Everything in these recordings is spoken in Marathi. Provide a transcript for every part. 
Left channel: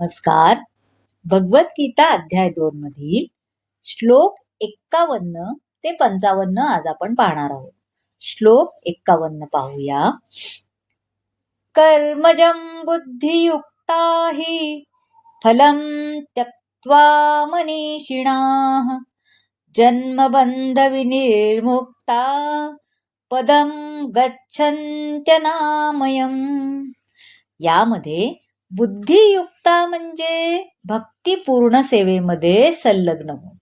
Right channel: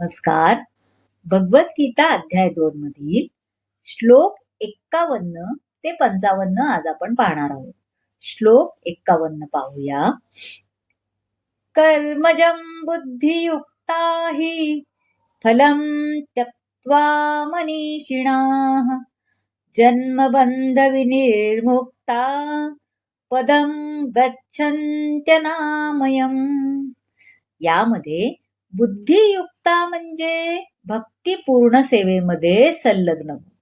नमस्कार. भगवद्गीता अध्याय 2 मधील श्लोक 51 ते 55 आज आपण पाहणार आहोत. श्लोक 51 पाहूया. कर्मजं बुद्धियुक्ता हि फलं त्यक्त्वा मनीषिणाः जन्मबंध विनिर्मुक्ता पदं गच्छन्त्यनामयम्. यामध्ये बुद्धियुक्ता म्हणजे भक्तिपूर्ण सेवेमध्ये संलग्न होऊन,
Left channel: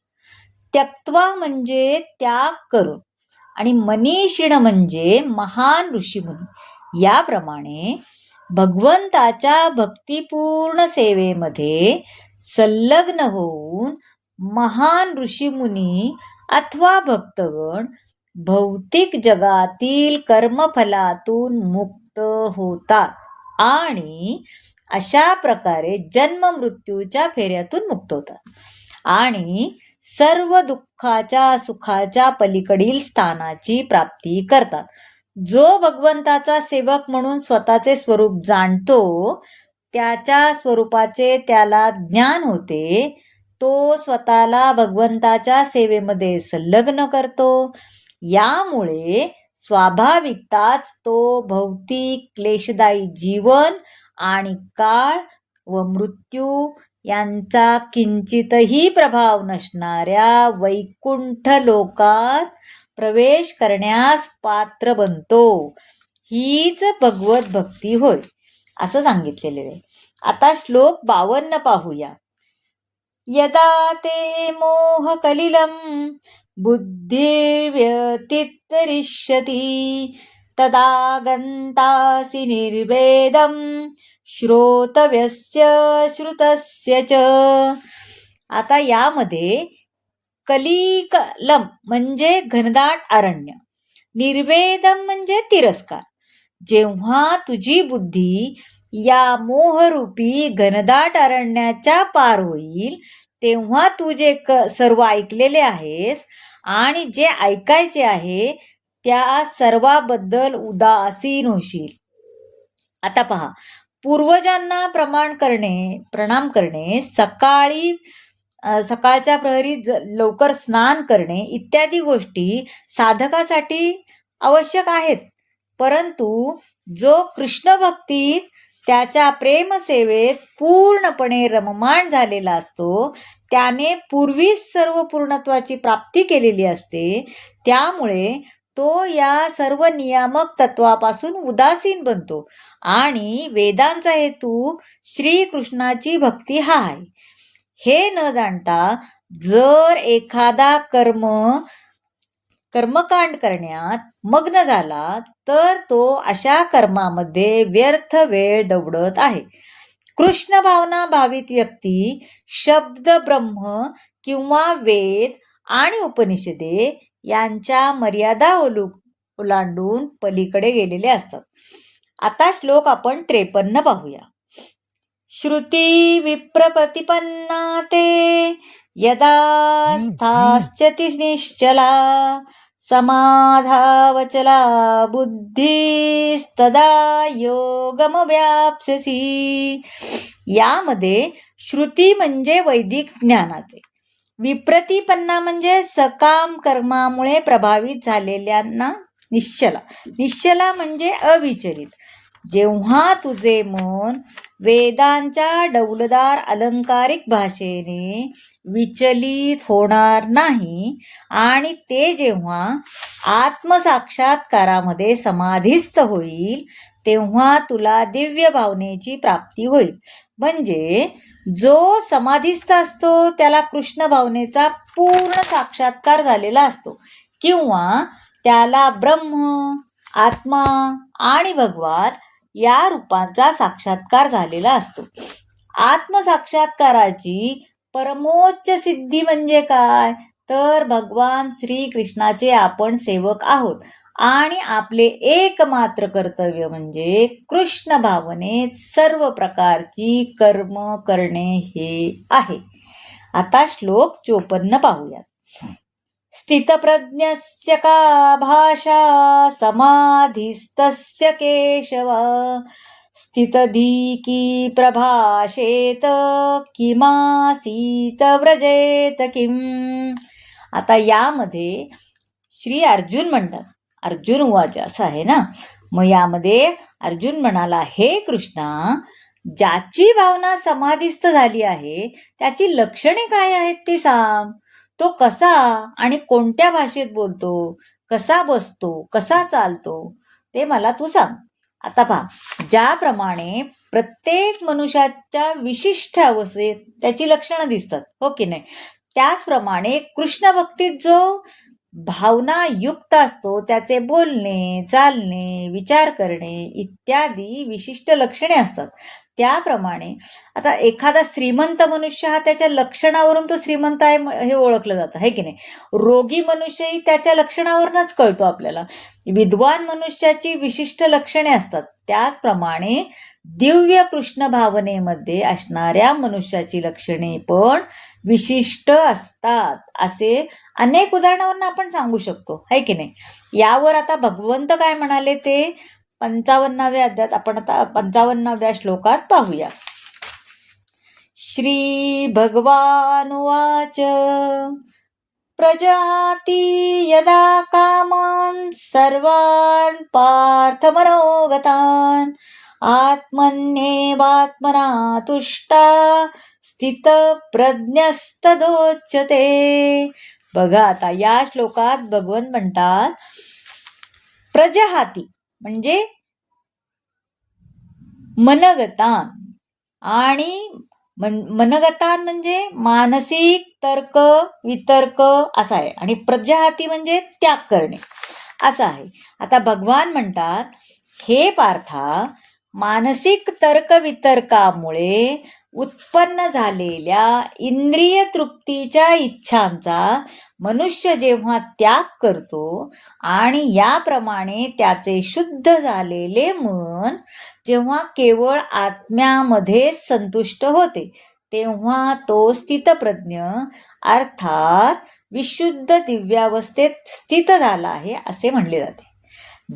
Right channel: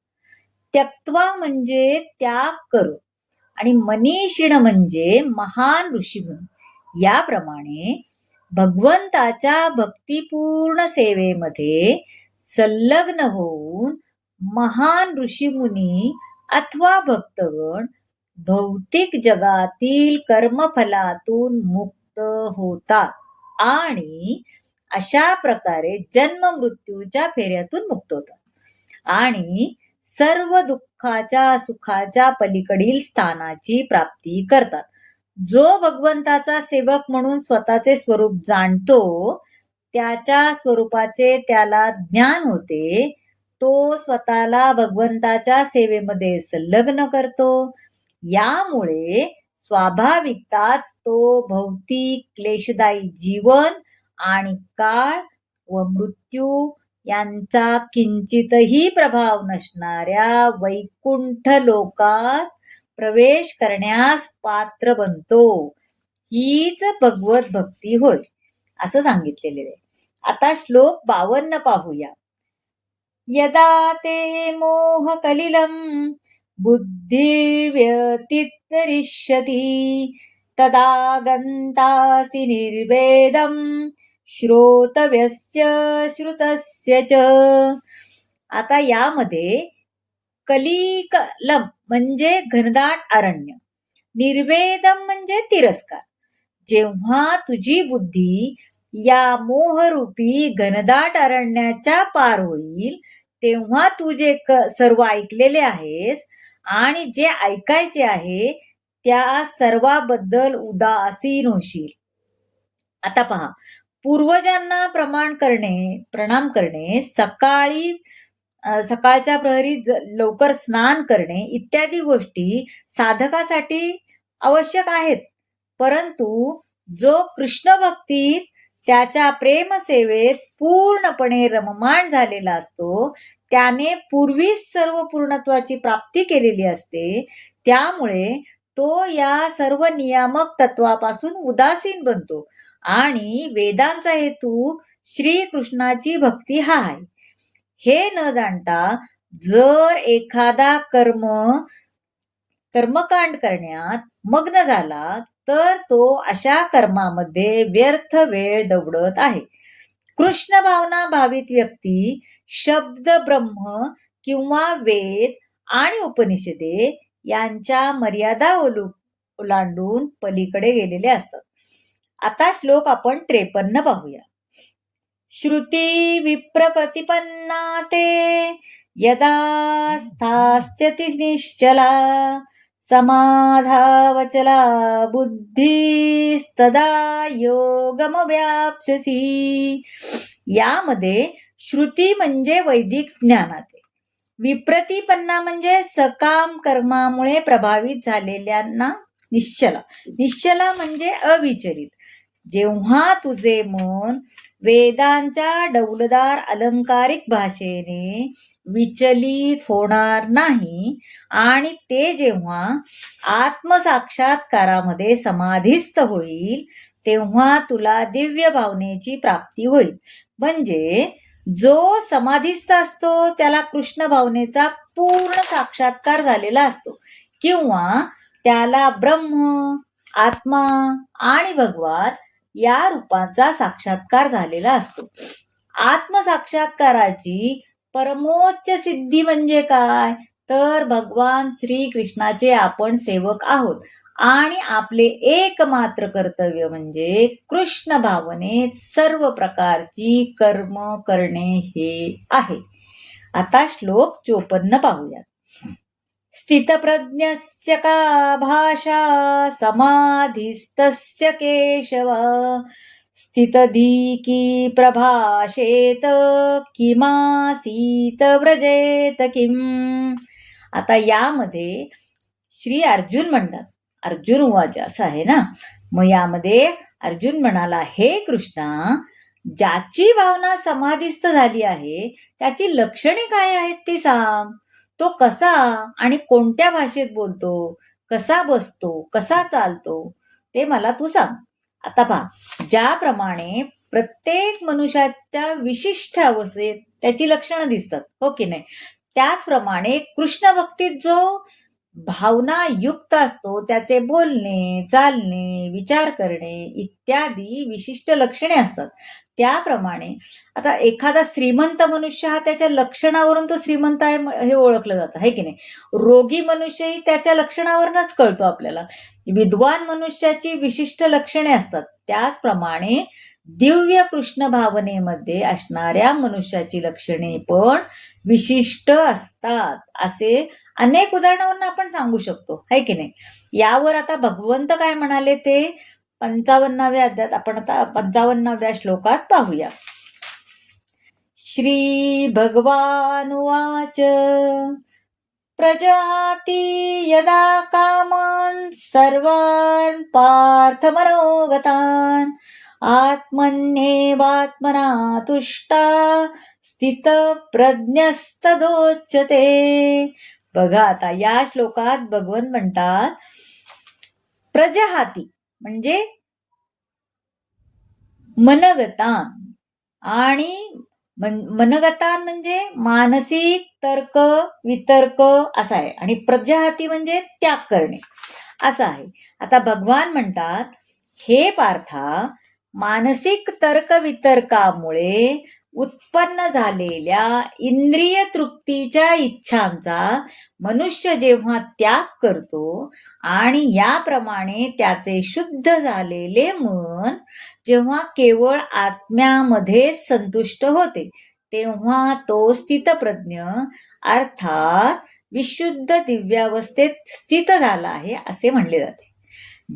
त्यक्त्वा म्हणजे त्याग करून, आणि मनीषिण म्हणजे महान ऋषीमुनी. याप्रमाणे भगवंताच्या भक्तिपूर्ण सेवेमध्ये संलग्न होऊन महान ऋषीमुनी अथवा भक्तगण भौतिक जगातील कर्मफलातून मुक्त होतात आणि अशा प्रकारे जन्म मृत्यूच्या फेऱ्यातून मुक्त होतात आणि सर्व दुःखाच्या सुखाच्या पलीकडील स्थानाची प्राप्ती करतात. जो भगवंताचा सेवक म्हणून स्वतःचे स्वरूप जाणतो, त्याच्या स्वरूपाचे त्याला ज्ञान होते, तो स्वतःला भगवंताच्या सेवेमध्ये संलग्न करतो. यामुळे स्वाभाविकताच तो भौतिक क्लेशदायी जीवन आणि काळ व मृत्यू यांचा किंचितही प्रभाव नसणाऱ्या वैकुंठ लोकात प्रवेश करण्यास पात्र बनतो. हीच भगवत भक्ती होय, असं सांगितलेले आहे. आता श्लोक 52 पाहूया. यदा ते मोह कलिलं बुद्धिर्व्यतितरिष्यति तदा गंतासि निर्वेदं श्रोतव्यस्य श्रुतस्य च. आता यामध्ये कलिकलम म्हणजे घनदाट अरण्य, निर्वेदम म्हणजे तिरस्कार. जेव्हा तुझी बुद्धी या मोहरूपी घनदाट अरण्याच्या पार होईल, तेव्हा तू जे सर्व ऐकलेले आहेस आणि जे ऐकायचे आहे त्या सर्वाबद्दल उदासीन होशील. आता पहा, पूर्वजांना प्रणाम करणे, सकाळच्या प्रहरी लवकर स्नान करणे इत्यादी गोष्टी साधकासाठी आवश्यक आहेत. परंतु जो कृष्ण भक्तीत त्याच्या प्रेमसेवेत पूर्णपणे रममाण झालेला असतो, त्याने पूर्वीच सर्व पूर्णत्वाची प्राप्ती केलेली असते. त्यामुळे तो या सर्व नियामक तत्वापासून उदासीन बनतो आणि वेदांचा हेतू श्रीकृष्णाची भक्ती हा आहे. हे न जाणता जर एखादा कर्मकांड करण्यात मग्न झाला तर तो अशा कर्मामध्ये व्यर्थ वेळ दवडत आहे. कृष्ण भावना भावित व्यक्ती शब्द ब्रह्म किंवा वेद आणि उपनिषदे यांच्या मर्यादा ओलांडून पलीकडे गेलेले असतात. आता श्लोक आपण 53 पाहूया. श्रुती विप्रप्रतिपन्ना ते यदा स्थास्यति निश्चला समाधावचला बुद्धिस्तदा योगमव्याप्स्यसि. यामध्ये श्रुती म्हणजे वैदिक ज्ञानाचे, विप्रतिपन्ना म्हणजे सकाम कर्मामुळे प्रभावित झालेल्यांना निश्चला म्हणजे अविचलित. जेव्हा तुझे मन वेदांच्या डौलदार अलंकारिक भाषेने विचलित होणार नाही आणि ते जेव्हा आत्मसाक्षात्कारामध्ये समाधिस्थ होईल, तेव्हा तुला दिव्य भावनेची प्राप्ती होईल. म्हणजे जो समाधिस्थ असतो त्याला कृष्ण भावनेचा पूर्ण साक्षात्कार झालेला असतो, किंवा त्याला ब्रह्म, आत्मा आणि भगवान या रूपांचा साक्षात्कार झालेला असतो. आत्मसाक्षात्काराची परमोच्च सिद्धी म्हणजे काय, तर भगवान श्रीकृष्णाचे आपण सेवक आहोत आणि आपले एकमात्र कर्तव्य म्हणजे कृष्ण भावनेत सर्व प्रकारची कर्म करणे हे आहे. आता श्लोक 54 पाहूया. स्थितप्रज्ञस्य का भाषा समाधिस्तस्य केशव स्थितधीकी प्रभाषेत किमासीत व्रजेत किम. आता यामध्ये श्री अर्जुन म्हणतात, अर्जुन उवाच असं आहे ना. मग यामध्ये अर्जुन म्हणाला, हे कृष्णा, ज्याची भावना समाधीस्थ झाली आहे त्याची लक्षणे काय आहेत ते सांग. तो कसा आणि कोणत्या भाषेत बोलतो, कसा बसतो, कसा चालतो, ते मला तू सांग. आता पहा, ज्याप्रमाणे प्रत्येक मनुष्याच्या विशिष्ट अवस्थेत त्याची लक्षणं दिसतात, हो की नाही, त्याचप्रमाणे कृष्ण भक्तीत जो भावना युक्त असतो त्याचे बोलणे, चालणे, विचार करणे इत्यादी विशिष्ट लक्षणे असतात. त्याप्रमाणे आता एखादा श्रीमंत मनुष्य हा त्याच्या लक्षणावरून तो श्रीमंत आहे हे ओळखलं जातं, है की नाही. रोगी मनुष्यही त्याच्या लक्षणावरूनच कळतो आपल्याला. विद्वान मनुष्याची विशिष्ट लक्षणे असतात. त्याचप्रमाणे दिव्य कृष्ण भावनेमध्ये असणाऱ्या मनुष्याची लक्षणे पण विशिष्ट असतात. असे अनेक उदाहरणावरून आपण सांगू शकतो, है की नाही. यावर आता भगवंत काय म्हणाले ते 55व्या अध्यायात आपण आता 55व्या श्लोकात पाहूया. श्री भगवान उवाच प्रजाती यदा कामान् सर्वान् पार्थ मनोगतान् आत्मन्येवात्मना तुष्टा स्थितप्रज्ञस्तदोच्यते. बघा, आता या श्लोकात भगवंत म्हणतात, प्रजहाती म्हणजे मनगतान, आणि मनगतान म्हणजे मानसिक तर्क वितर्क असा आहे, आणि प्रजहाती म्हणजे त्याग करणे असं आहे. आता भगवान म्हणतात, हे पार्था, मानसिक तर्क वितर्कामुळे उत्पन्न झालेल्या इंद्रिय तृप्तीच्या इच्छांचा मनुष्य जेव्हा त्याग करतो आणि याप्रमाणे त्याचे शुद्ध झालेले मन जेव्हा केवळ आत्म्यामध्ये संतुष्ट होते तेव्हा तो स्थितप्रज्ञ अर्थात विशुद्ध दिव्यावस्थेत स्थित झाला आहे असे म्हणले जाते.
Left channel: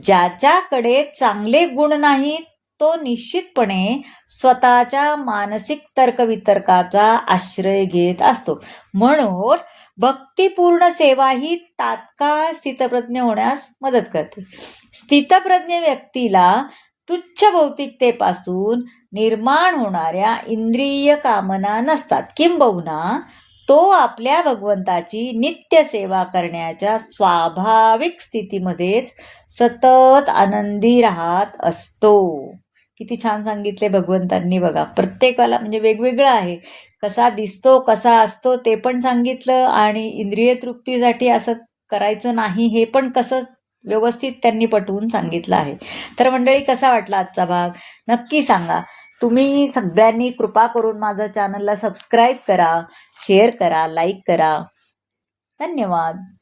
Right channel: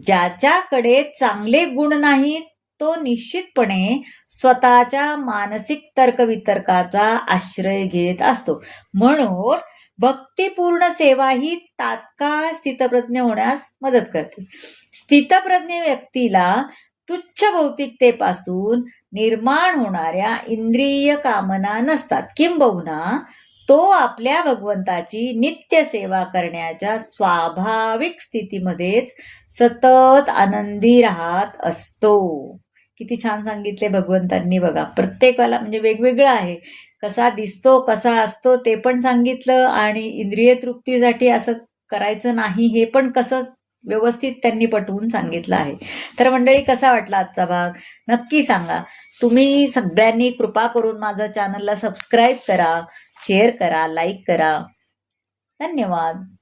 ज्याच्याकडे चांगले गुण नाहीत तो निश्चितपणे स्वतःच्या मानसिक तर्कवितर्काचा आश्रय घेत असतो. म्हणून भक्तिपूर्ण सेवा ही तात्काळ स्थितप्रज्ञ होण्यास मदत करते. स्थितप्रज्ञ व्यक्तीला तुच्छ भौतिकतेपासून निर्माण होणाऱ्या इंद्रिय कामना नसतात, किंबहुना तो आपल्या भगवंताची नित्य सेवा करण्याच्या स्वाभाविक स्थितीमध्येच सतत आनंदी राहत असतो. किती छान सांगितले भगवंतांनी बघा. प्रत्येकाला म्हणजे वेगवेगळं आहे, कसा दिसतो कसा असतो ते पण सांगितलं, आणि इंद्रिय तृप्तीसाठी असं करायचं नाही हे पण कसं व्यवस्थित त्यांनी पटवून सांगितलं आहे. तर मंडळी, कसा वाटला आजचा भाग नक्की सांगा. तुम्ही सगळ्यांनी कृपा करून माझं चॅनलला सबस्क्राईब करा, शेअर करा, लाईक करा. धन्यवाद.